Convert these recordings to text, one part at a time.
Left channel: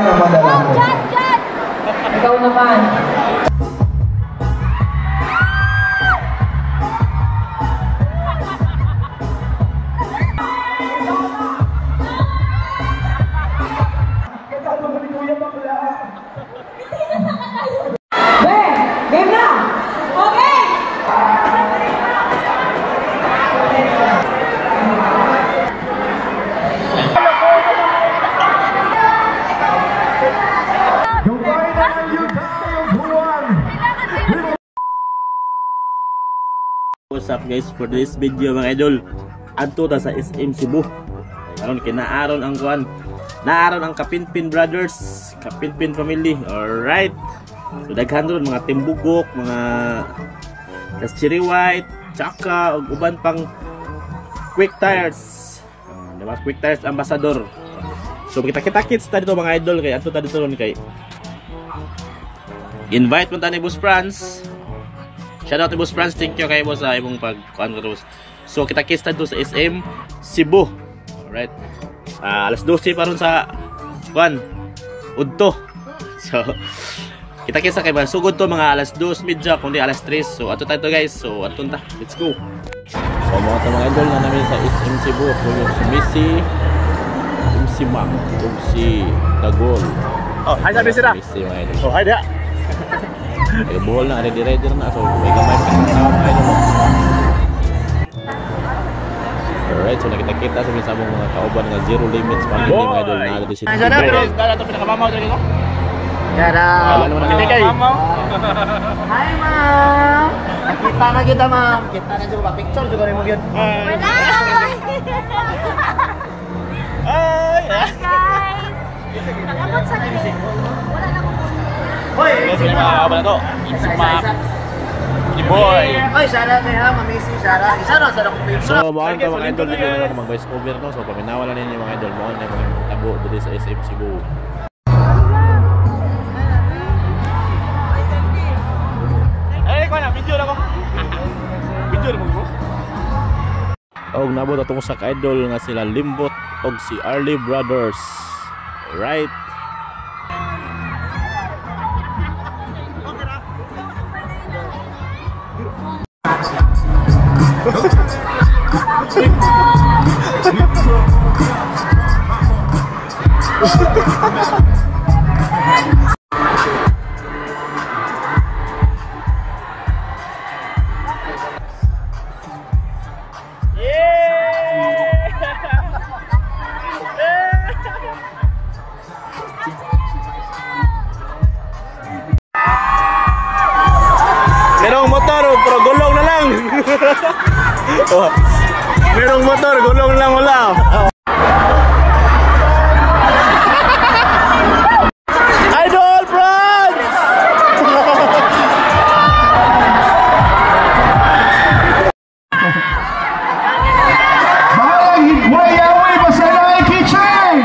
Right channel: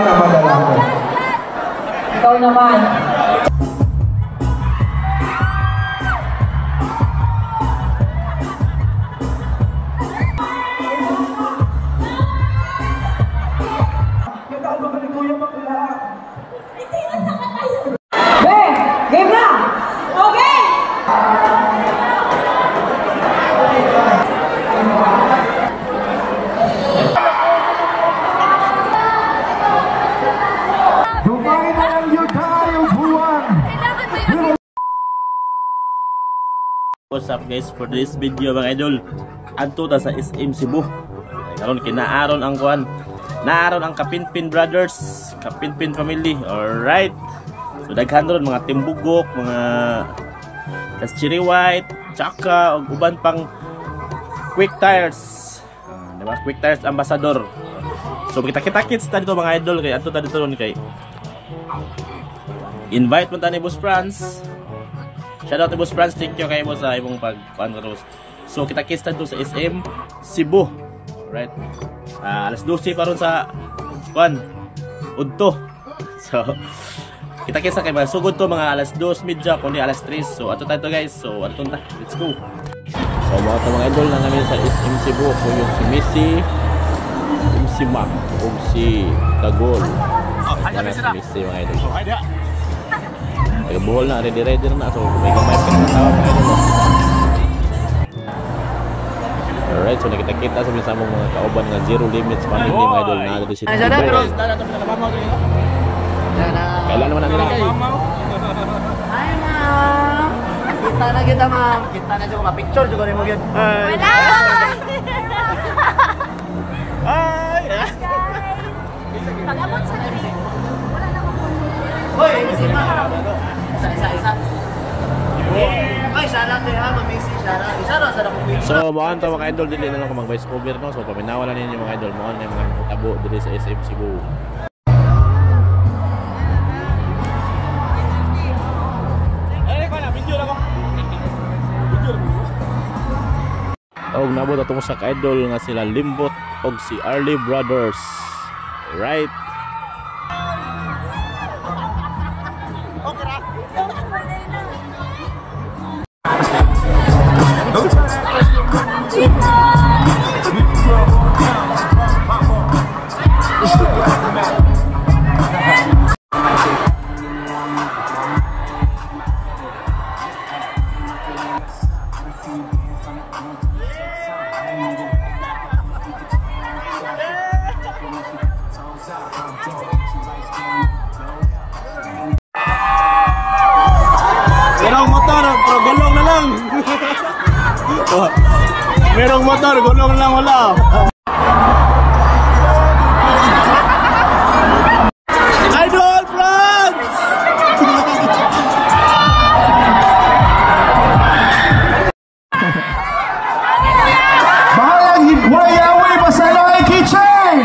na madala ko. Ikaw naman. Game na! Okay! What's up guys, for this video mga idol, adto ta sa SM Cebu. Karon kinaaron ang kuan, naaron ang Kapinpin Brothers, Kapinpin family. Alright, so daghan ron mga timbugok, mga cherry white, tsaka ug uban pang quick tires, diba? Quick tires ambassador. So kita-kits ta dito mga idol, kay adto ta dito ron kay invite mo ta ni Boss Franz. Shoutout to Boss Franz, thank you kay Boss sa imong pag-kuan ko. So kita-kits ta dito sa SM Cebu. Alright. Alas 12 pa ron sa kuan udto. So kita-kits kay masugod to mga alas 2:30 kundi alas 3. So ato tayo guys. So ato ta. Let's go. So mga idol na namin sa SM Cebu ko yung si Missy, MC Mac ug si Dagol. Oh, hi sabi sila. Missy mga idol. Oh, hi dia. Nag-buhol na, ready na. So may gamay pa kinatawa mga idol. Alright, so nakita-kita sa mong mga kauban nga Zero Limits family mga idol na dito si Dada to pinakamamaw dito ko. Dada. Kailan naman ang Kay mamaw. Hi, ma'am. Nakita na kita, ma'am. Kita na juga pa-picture juga rin mo yun. Wala! Ay! Guys! Pag-abot sa akin. Hoy, Ito yung mga kauban na to. Boy. Oy, Sarah kay ha, Missy, Sarah. Isa na sa dakong video. So, mga to mga idol, dito na lang mag voice over no. So, paminawalan ninyo mga idol, mga na yung mga nakitabo dito sa SM Cebu. Ay, ko na, video na ko. Video na mo. Og nabot atong sa ka-idol nga sila Limbot og si Arlie Brothers. Right. Merong motor, pero gulong na lang. Oh, merong motor, gulong lang wala. Idol Bronx! Bahay, Wayawi, Masalaway Kitchen!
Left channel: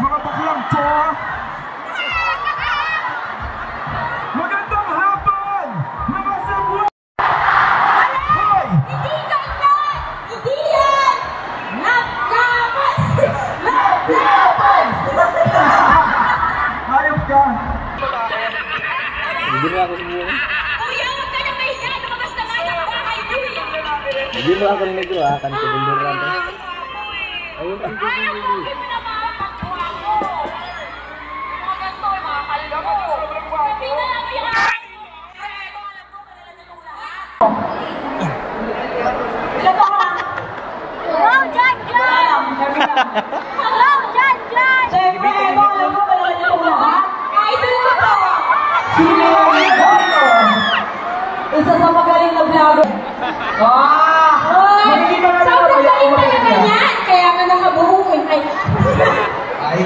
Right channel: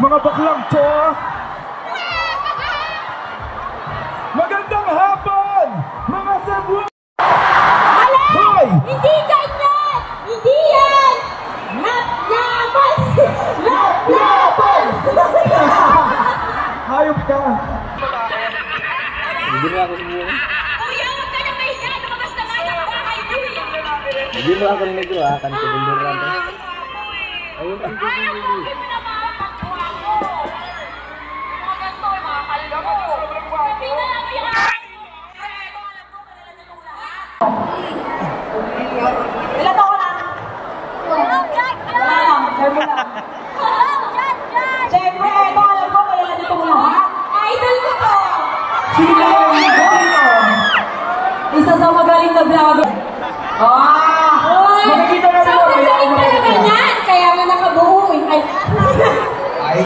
Mga baklang to, magandang hapon, mga sabwa. Hoy! Hindi ganyan! Hindi yan! Hindi mo ako siguro. Kuya, huwag ka na mahiya. Lumabas na nga ng bahay ko eh. Hindi mo ako negro ha. Kan ko bunduran to. Ayun ang Ilan ako na? Wow, Jan! Wow, Jan! Siyempre, ito alam ko kaya na itong lahat. Idol ko to! Sino yung ito? Isa sa magaling na vlogger. Makikita na nila. Sobrang galing talaga niyan! Kaya nga nakabuo eh. Ay.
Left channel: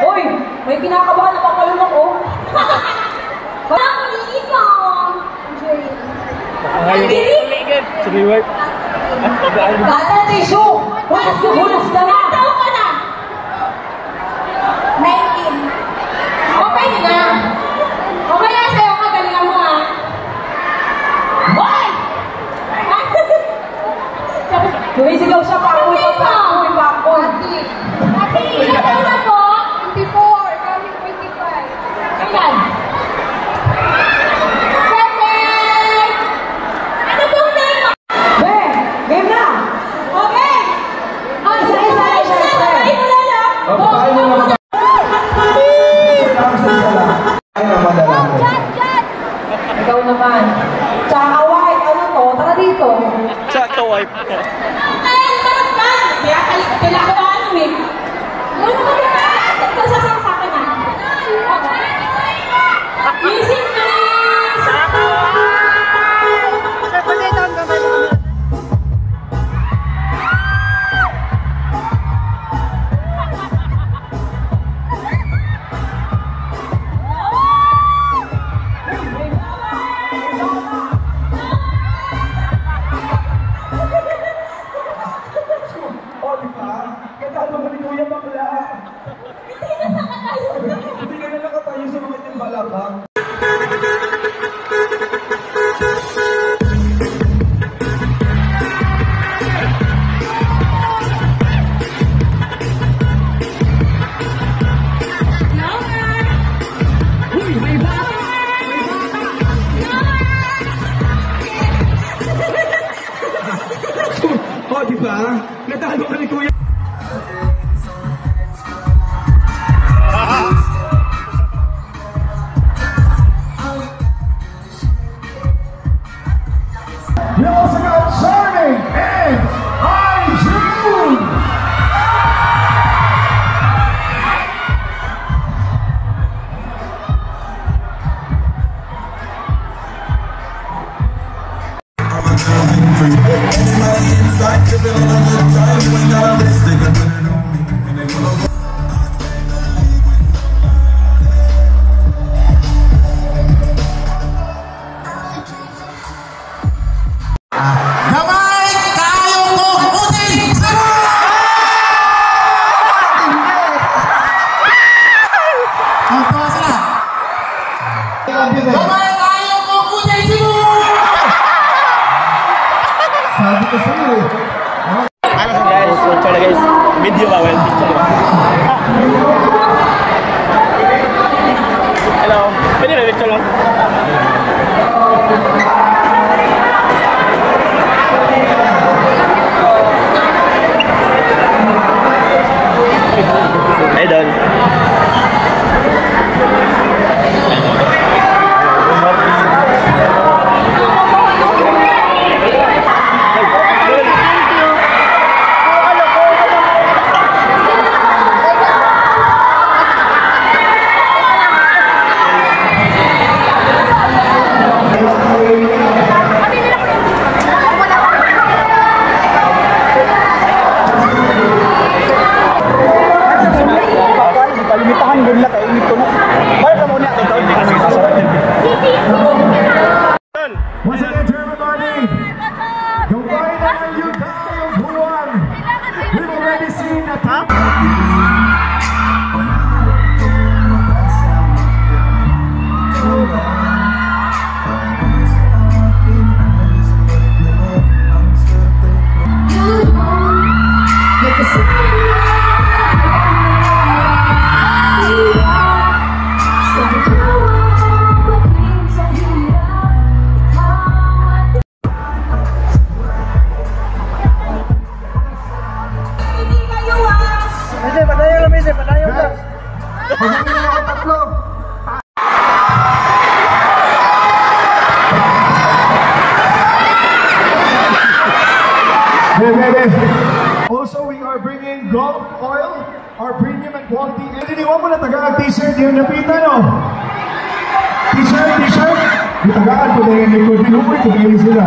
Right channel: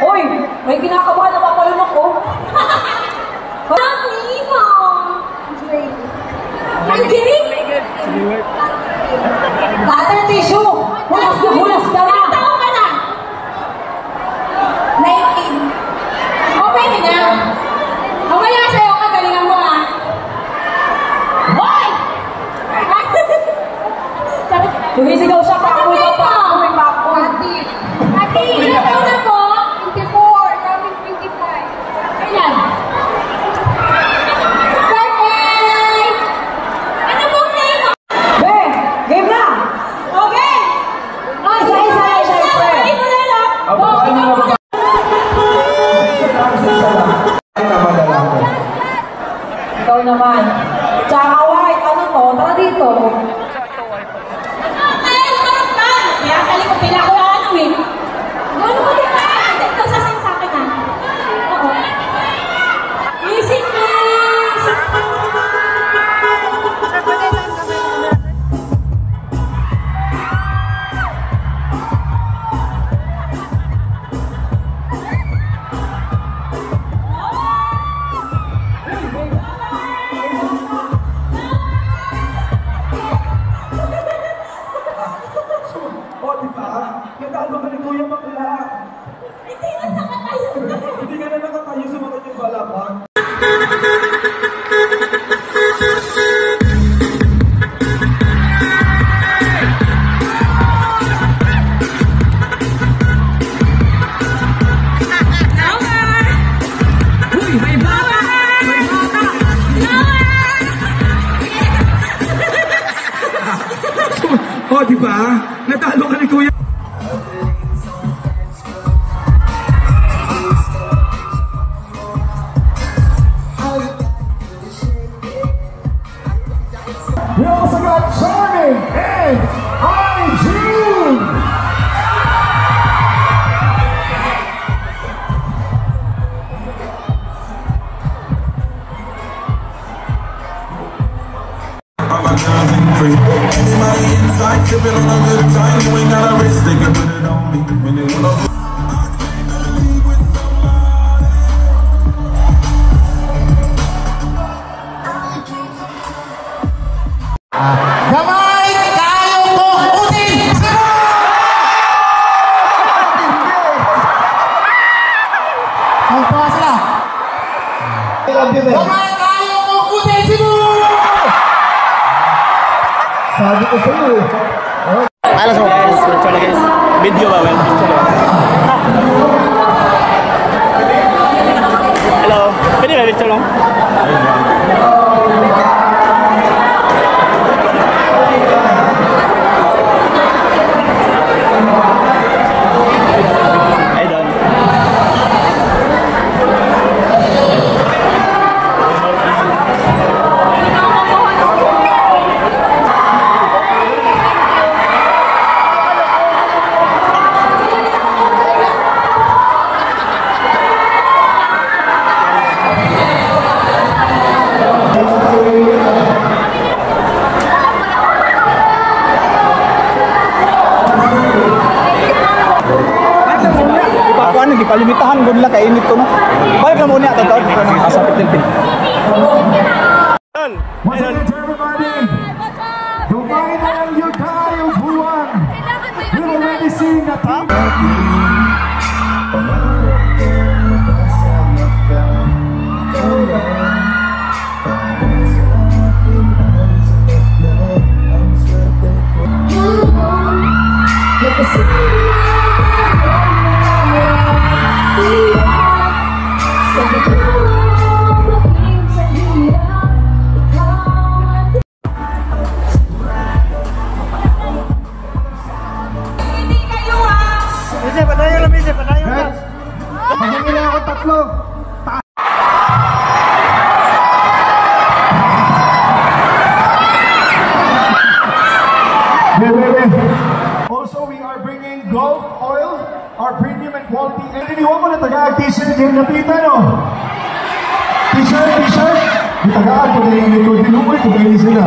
Hoy, may kinakabahan na papalun ako. Ang limo! Ang girig! Bata na tissue! Hulas ka na! Ilang taon ka na? 19. Okay na na. Okay na sa'yo, kagalingan mo ah. Hoy! Lumisigaw siya, pakoy pakoy. Ate, ilang taon na po? 24, coming 25. Ayan. Perfect! Ano pong name mo? Be, game na! Okay! Isa-isa lang siya, sir. Ay, wala lang. Ay na madala ko. Ikaw naman. Tsaka white, ano to? Tara dito. Ay, lumanap ka! Kaya talikot nila ko na ano eh. Gano'n ka din na. Ito sasama sa akin ah. Oo. Music please! Sir, pagay down ka ba yung camera? O, di ba? Nagkano ka ni Kuya Bakla? Hindi ka na nakatayo sa mga inyong balakang. O, di ba? Natalo ka ni Kuya. We also got Charming and I-June! Sabi ko sa'yo eh. guys, picture na guys. Video ba? Well, picture ba? Hello. Pwede ba picture lang? Hey, Don. Palimitahan doon lang kainit ko. Balik ka muna. Once again to everybody, nobody na you guys who won. We've already seen that. Bise, padayon lang, Bise, padayon lang. Hindi lang ako tatlo. Also, we are bringing Gulf Oil, our premium and quality. Iniwan mo na tagaan t-shirt yung napita, no? T-shirt. Yung tagaan ko na yung ito. Dinumoy ko kayo sila.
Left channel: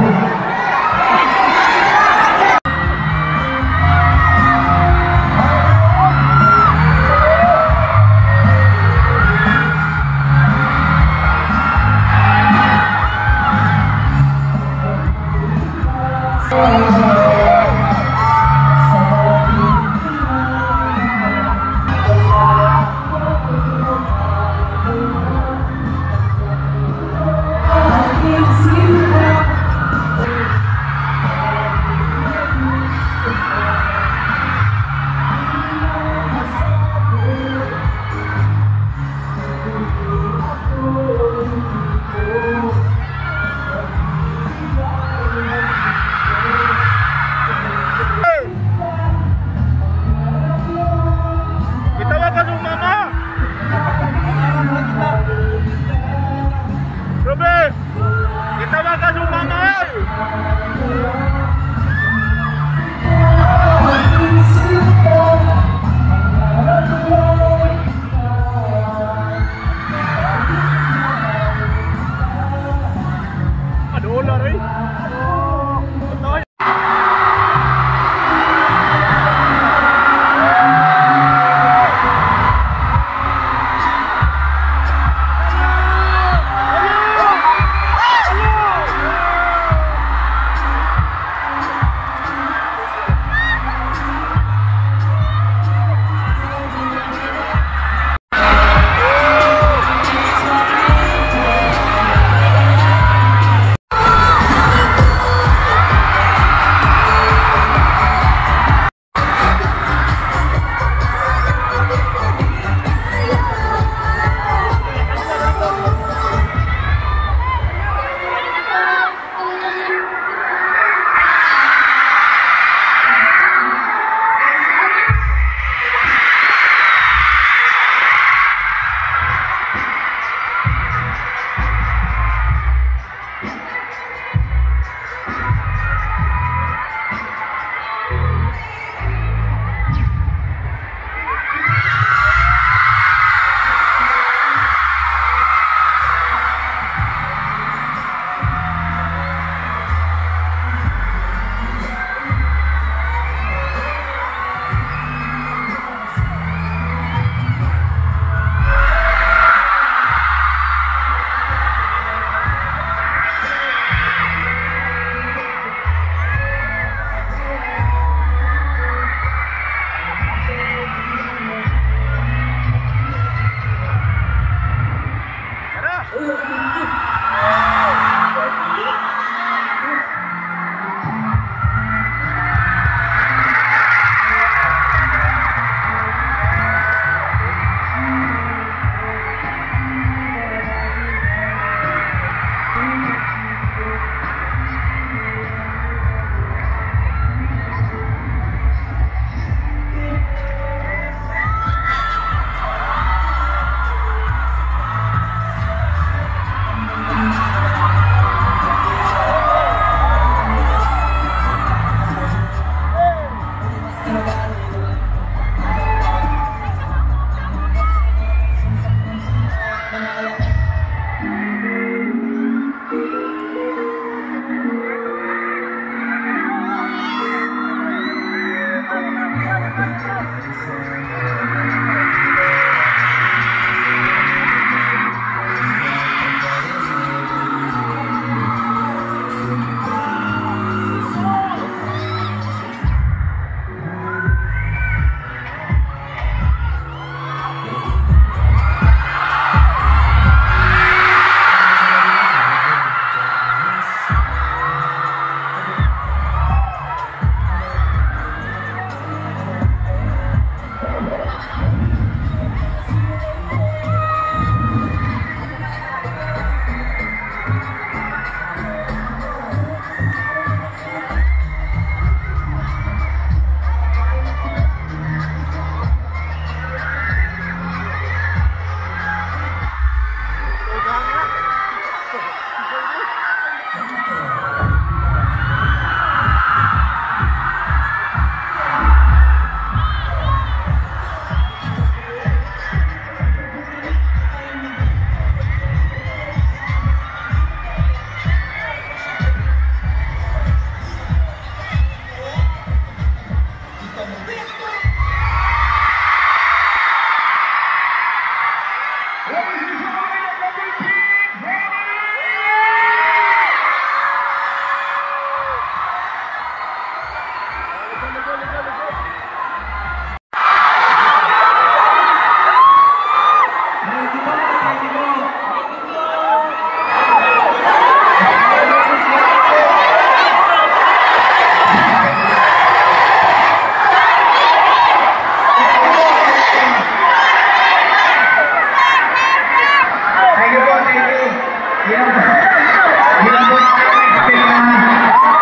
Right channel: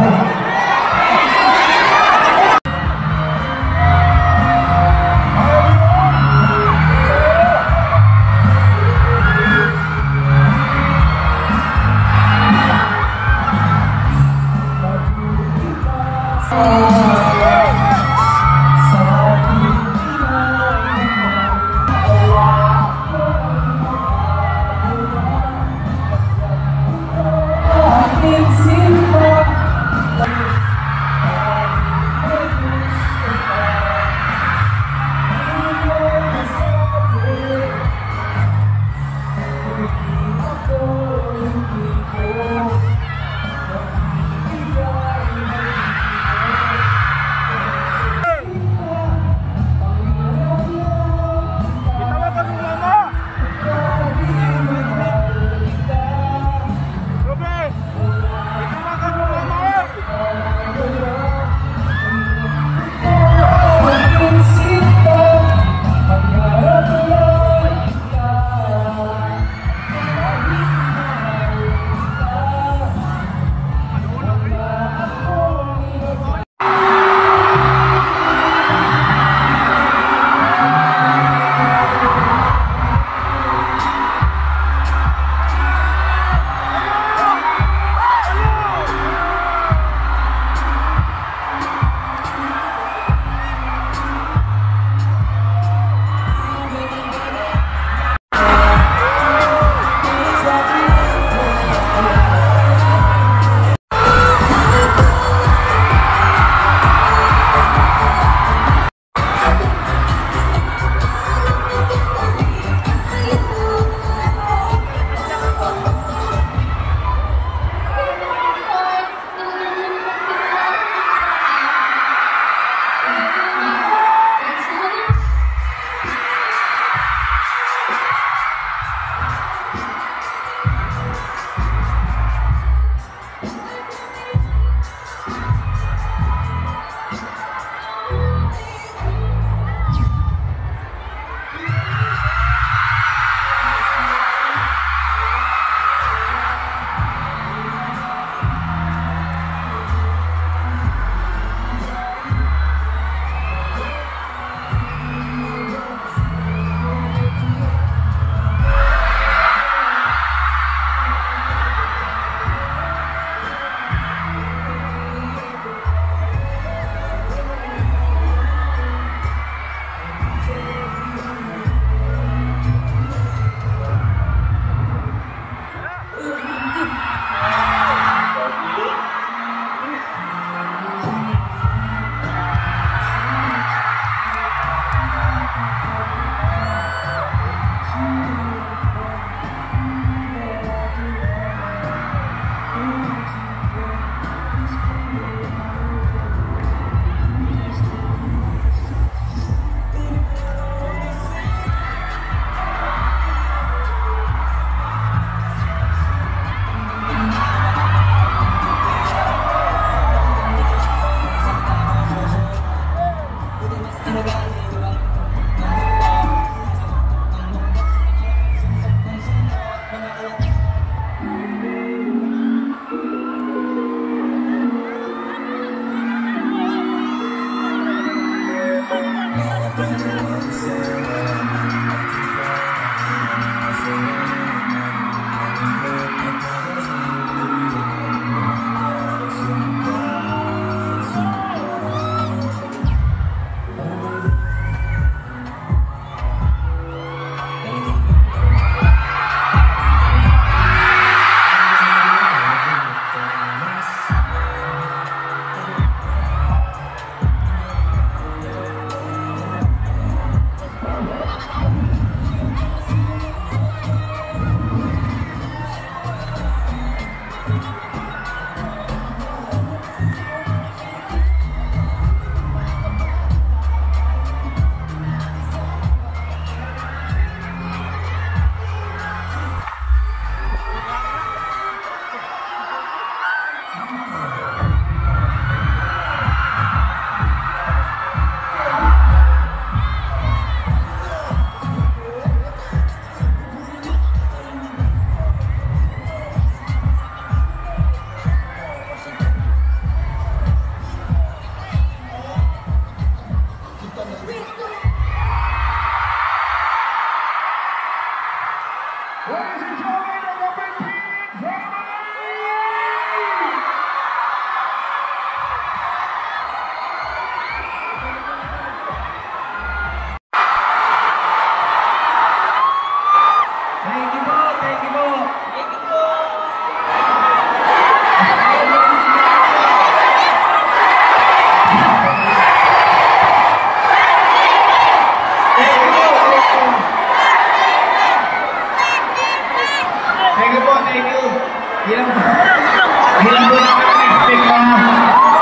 Ladies and gentlemen, the number 3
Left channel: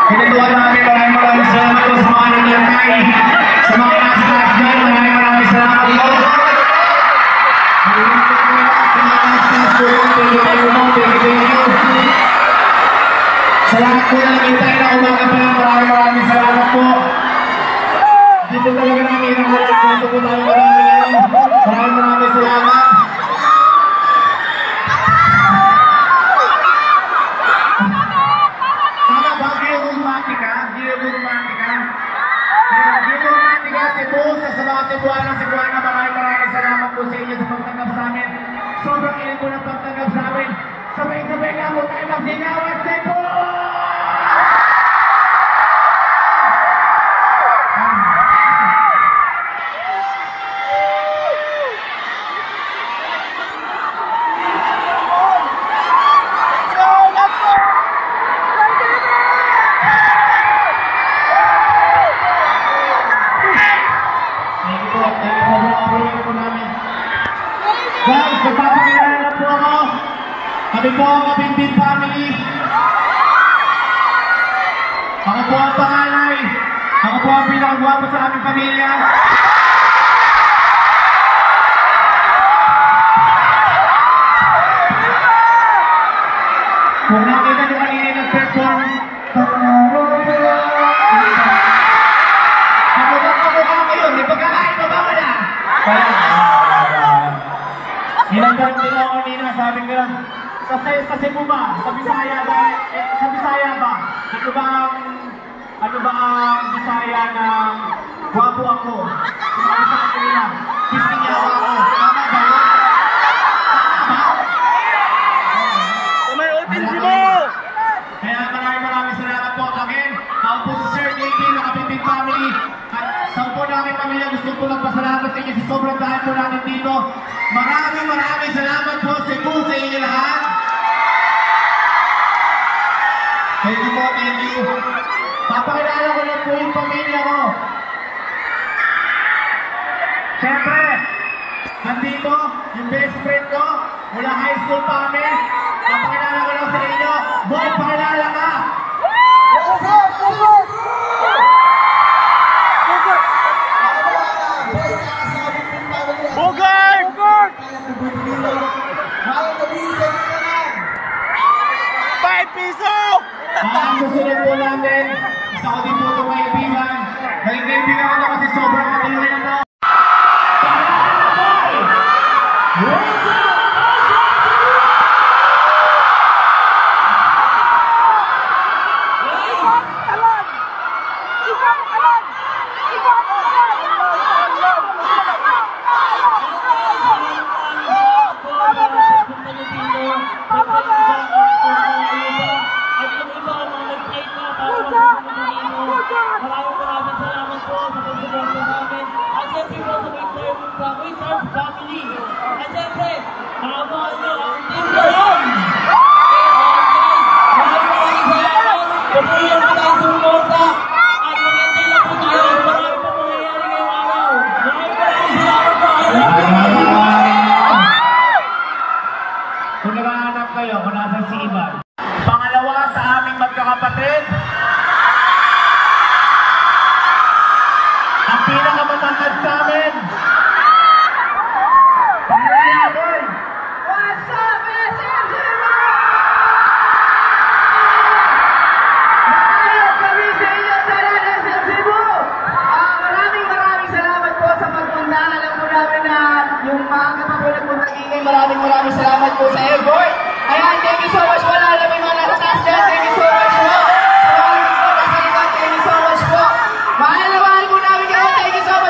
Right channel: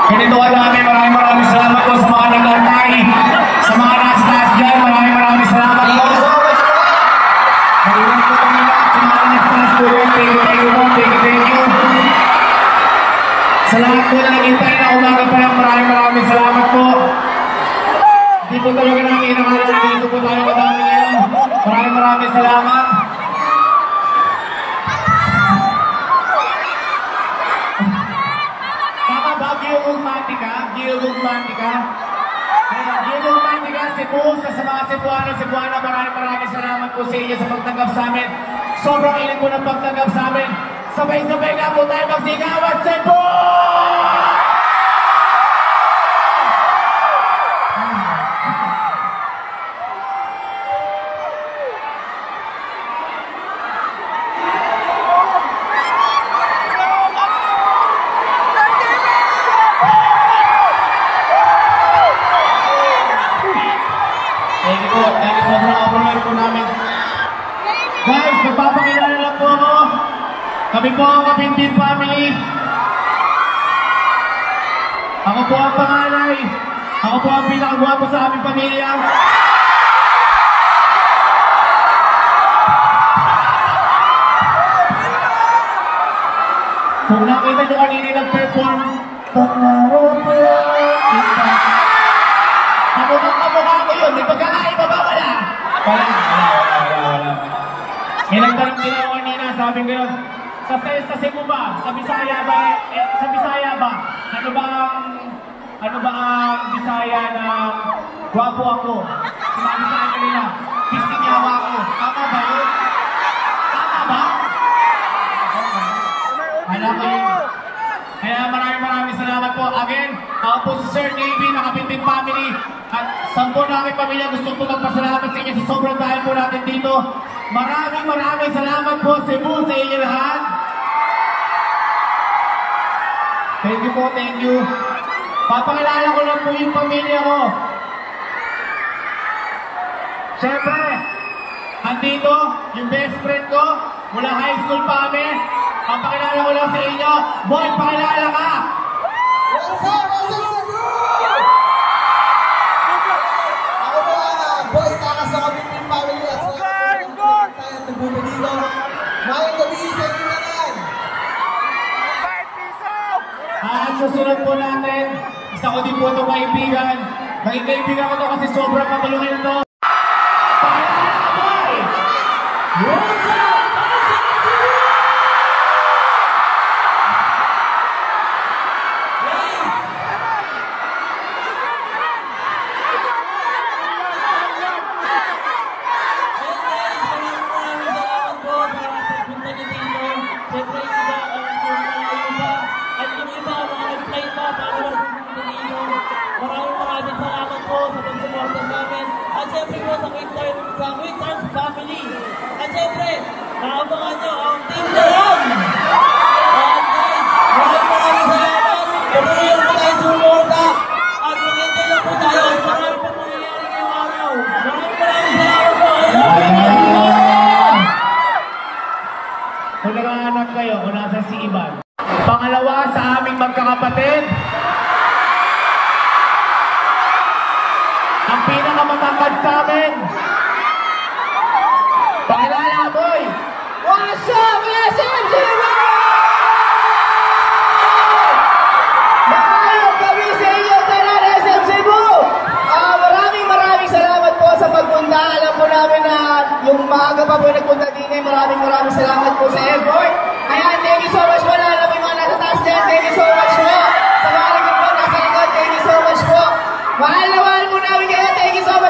Pinituan namin, maraming salamat po sa mga naglalakay, sa mga nasa taas dyan, maraming salamat po. Maraming po kami lahat sa mga nasa taas po yun, thank you. Sa lahat po na nagintay na umaga pa lang, maraming salamat po. Hindi po talaga namin inakulang dito po tayo madami yan. Maraming salamat. Gilugmatika, Cebu, sa mga Cebuana, maraming salamat po sa inyo sa pagtanggap sa amin. Sobrang init po ng pagtanggap sa amin. Sabay-sabay nga po tayo magsigawan, Cebu! Guys, magpapakilala lang po ako. Kami po ang Mabintin Family. Ako po ang panganay. Ako po ang pinakagwapo sa aming pamilya. Kung nakita nyo kanina nag-perform, kamukha ko yun, di pagkakaiba ba wala? Nagtanong din ako kanina, sabi nga, sa Cebu ba? Sa Bisaya ba? Sa Bisaya ba? Ano ba ang Bisaya na gwapo ako? Sumabi sa akin kanina, pistingyawa ako. Tama ba yun? Tama ba? Alam ko yun. Kaya maraming salamat po. Again, ako po si Sir KB, Nakabintin Family. At sa po namin pamilya, gusto po magpasalamat sa inyo sa sobrang dahil po natin dito. Maraming salamat po Cebu sa inyo lahat. Thank you po, thank you. Papakilala ko lang po yung pamilya ko. Siyempre, andito yung best friend ko mula high school pa kami. Papakilala ko lang sa inyo. Boy, pakilala ka! Ang susunod po natin, isa ko din po ito kaibigan. Dahil kaibigan ko ito kasi sobrang matulungin ito. Pakilala ka, boy! What's up? Maraming salamat po sa pagsuporta namin. At syempre po sa Winters Family. At syempre, nakabahan nyo ang Team Leon! Maraming salamat. Patuloy po tayo sumuporta. At maganda lang po tayo. Maraming po mangyayari ngayong araw. Maraming salamat po. Kung naghahanap kayo, kung nasa si Iban. Pangalawa sa aming magkakapatid, ang pinakamatangkad sa amin. Pakilala, boy! What's up, SMC? Maayos kami sa inyo, Taran SM Cebu! Maraming salamat po sa pagpunta. Alam po namin na yung maaga pa po nagpunta Gingay. Maraming salamat po sa effort. Ayan, thank you so much po. Lalo po yung mga nasa taas dyan. Thank you so much po. Sa mga rin po nasa likod, thank you so much po. Mahal na mahal po namin kayo. Thank you so much.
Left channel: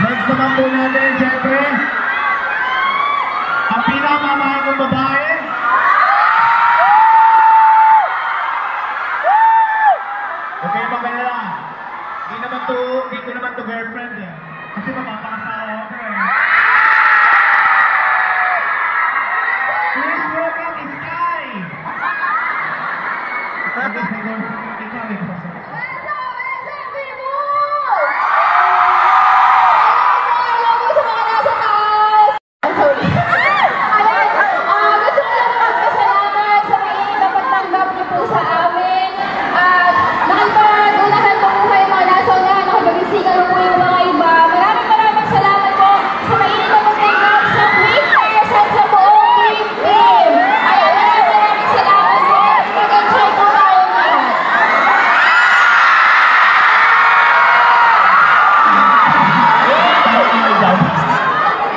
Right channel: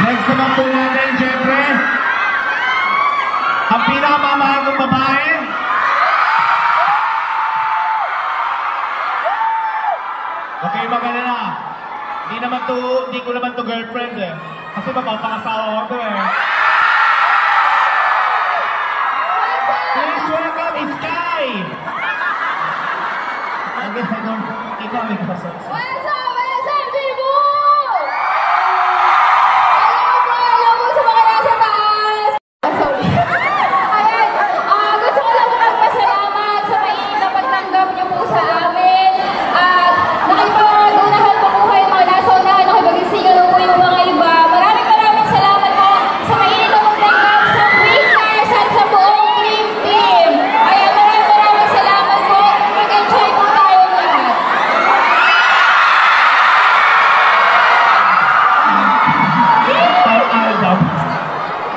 Next naman po natin, syempre, ang pinakamamahal ng babae. Okay, magalala. Hindi ko naman to girlfriend eh. Kasi magkakasawa ako eh. Please welcome Sky! Ikaw may kasas.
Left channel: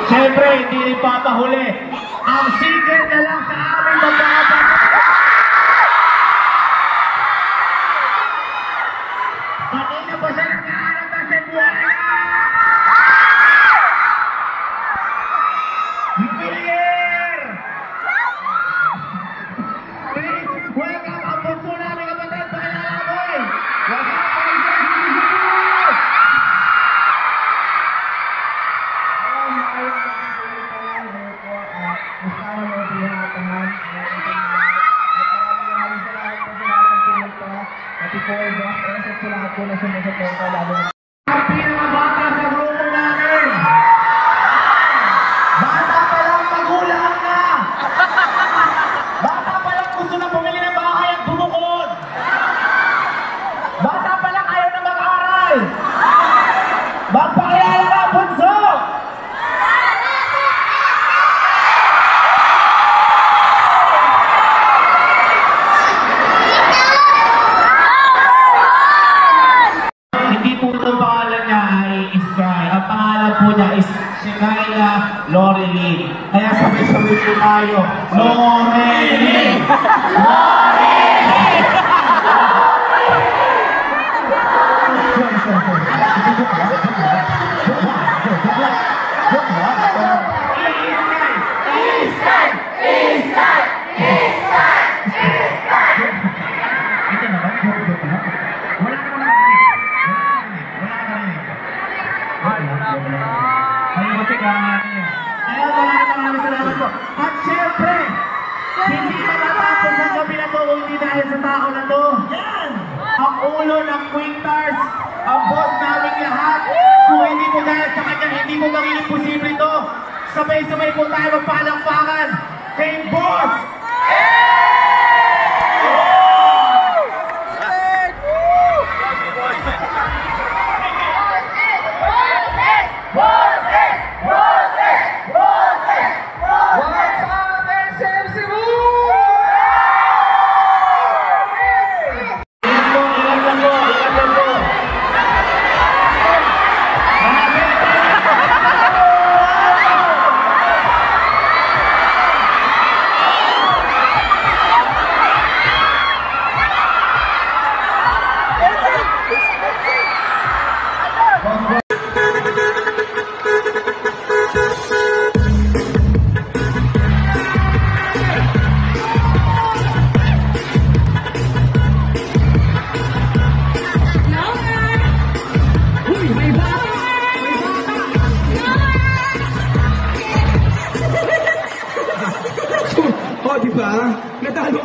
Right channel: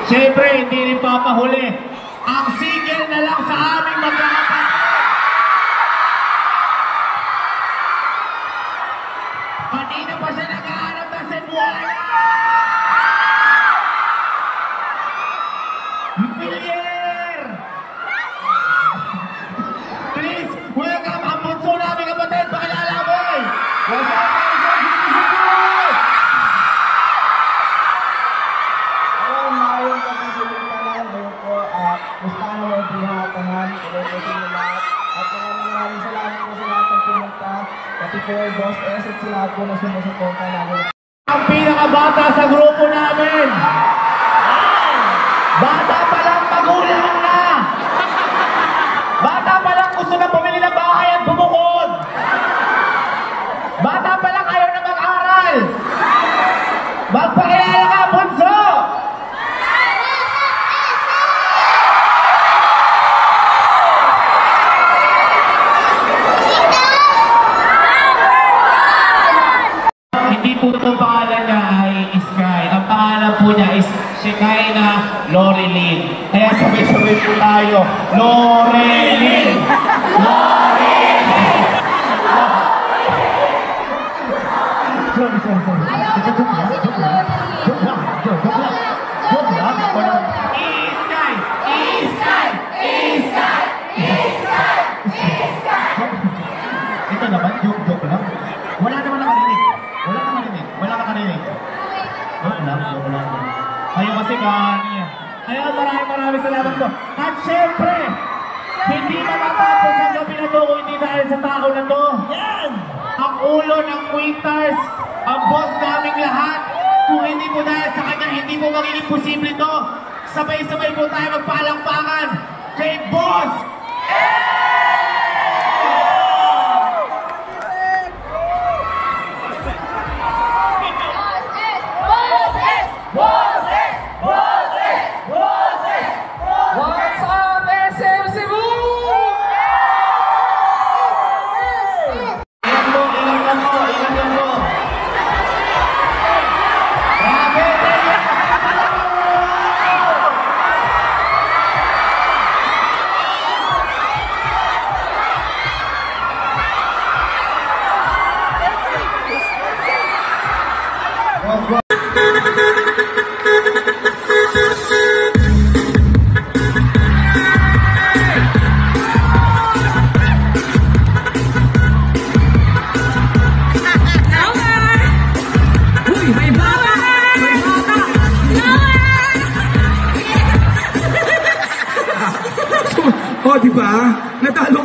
Siyempre, hindi ipapahuli. Ang sigil na lang sa aming magkakapatid. Kanina po siya nag-aanap na Cebuana! Miller! Please, welcome ang bunso namin kapatid. Paalala mo eh! Gusto na mo bihatahan, ulit-ulit na lahat. At maraming salamat po sa lahat ng pumunta. Pati po Boss S at sa lahat po na sumusuporta lalo. Ang pinakabata sa grupo namin. Bata pa lang, magulang na. Bata pa lang gusto na bumili ng bahay at bumukod. Bata pa lang ayaw na mag-aral. Magpakilala ka, bunso. Ang pangalan niya ay Sky. Ang pangalan po niya is Shekinah Loreline. Kaya sabay-sabay po tayo. Loreline! Loreline! Ito naman, joke lang. Wala naman nakarinig. Ayaw kasi kani. Kaya maraming salamat po. At syempre, hindi matatapos ang gabi na to kung hindi dahil sa tao na to. Yan! Ang ulo ng Quintars, ang boss naming lahat. Kung hindi po dahil sa kanya, hindi po magiging posible to. Sabay-sabay po tayo magpalakpakan kay Boss! O, diba? Natalo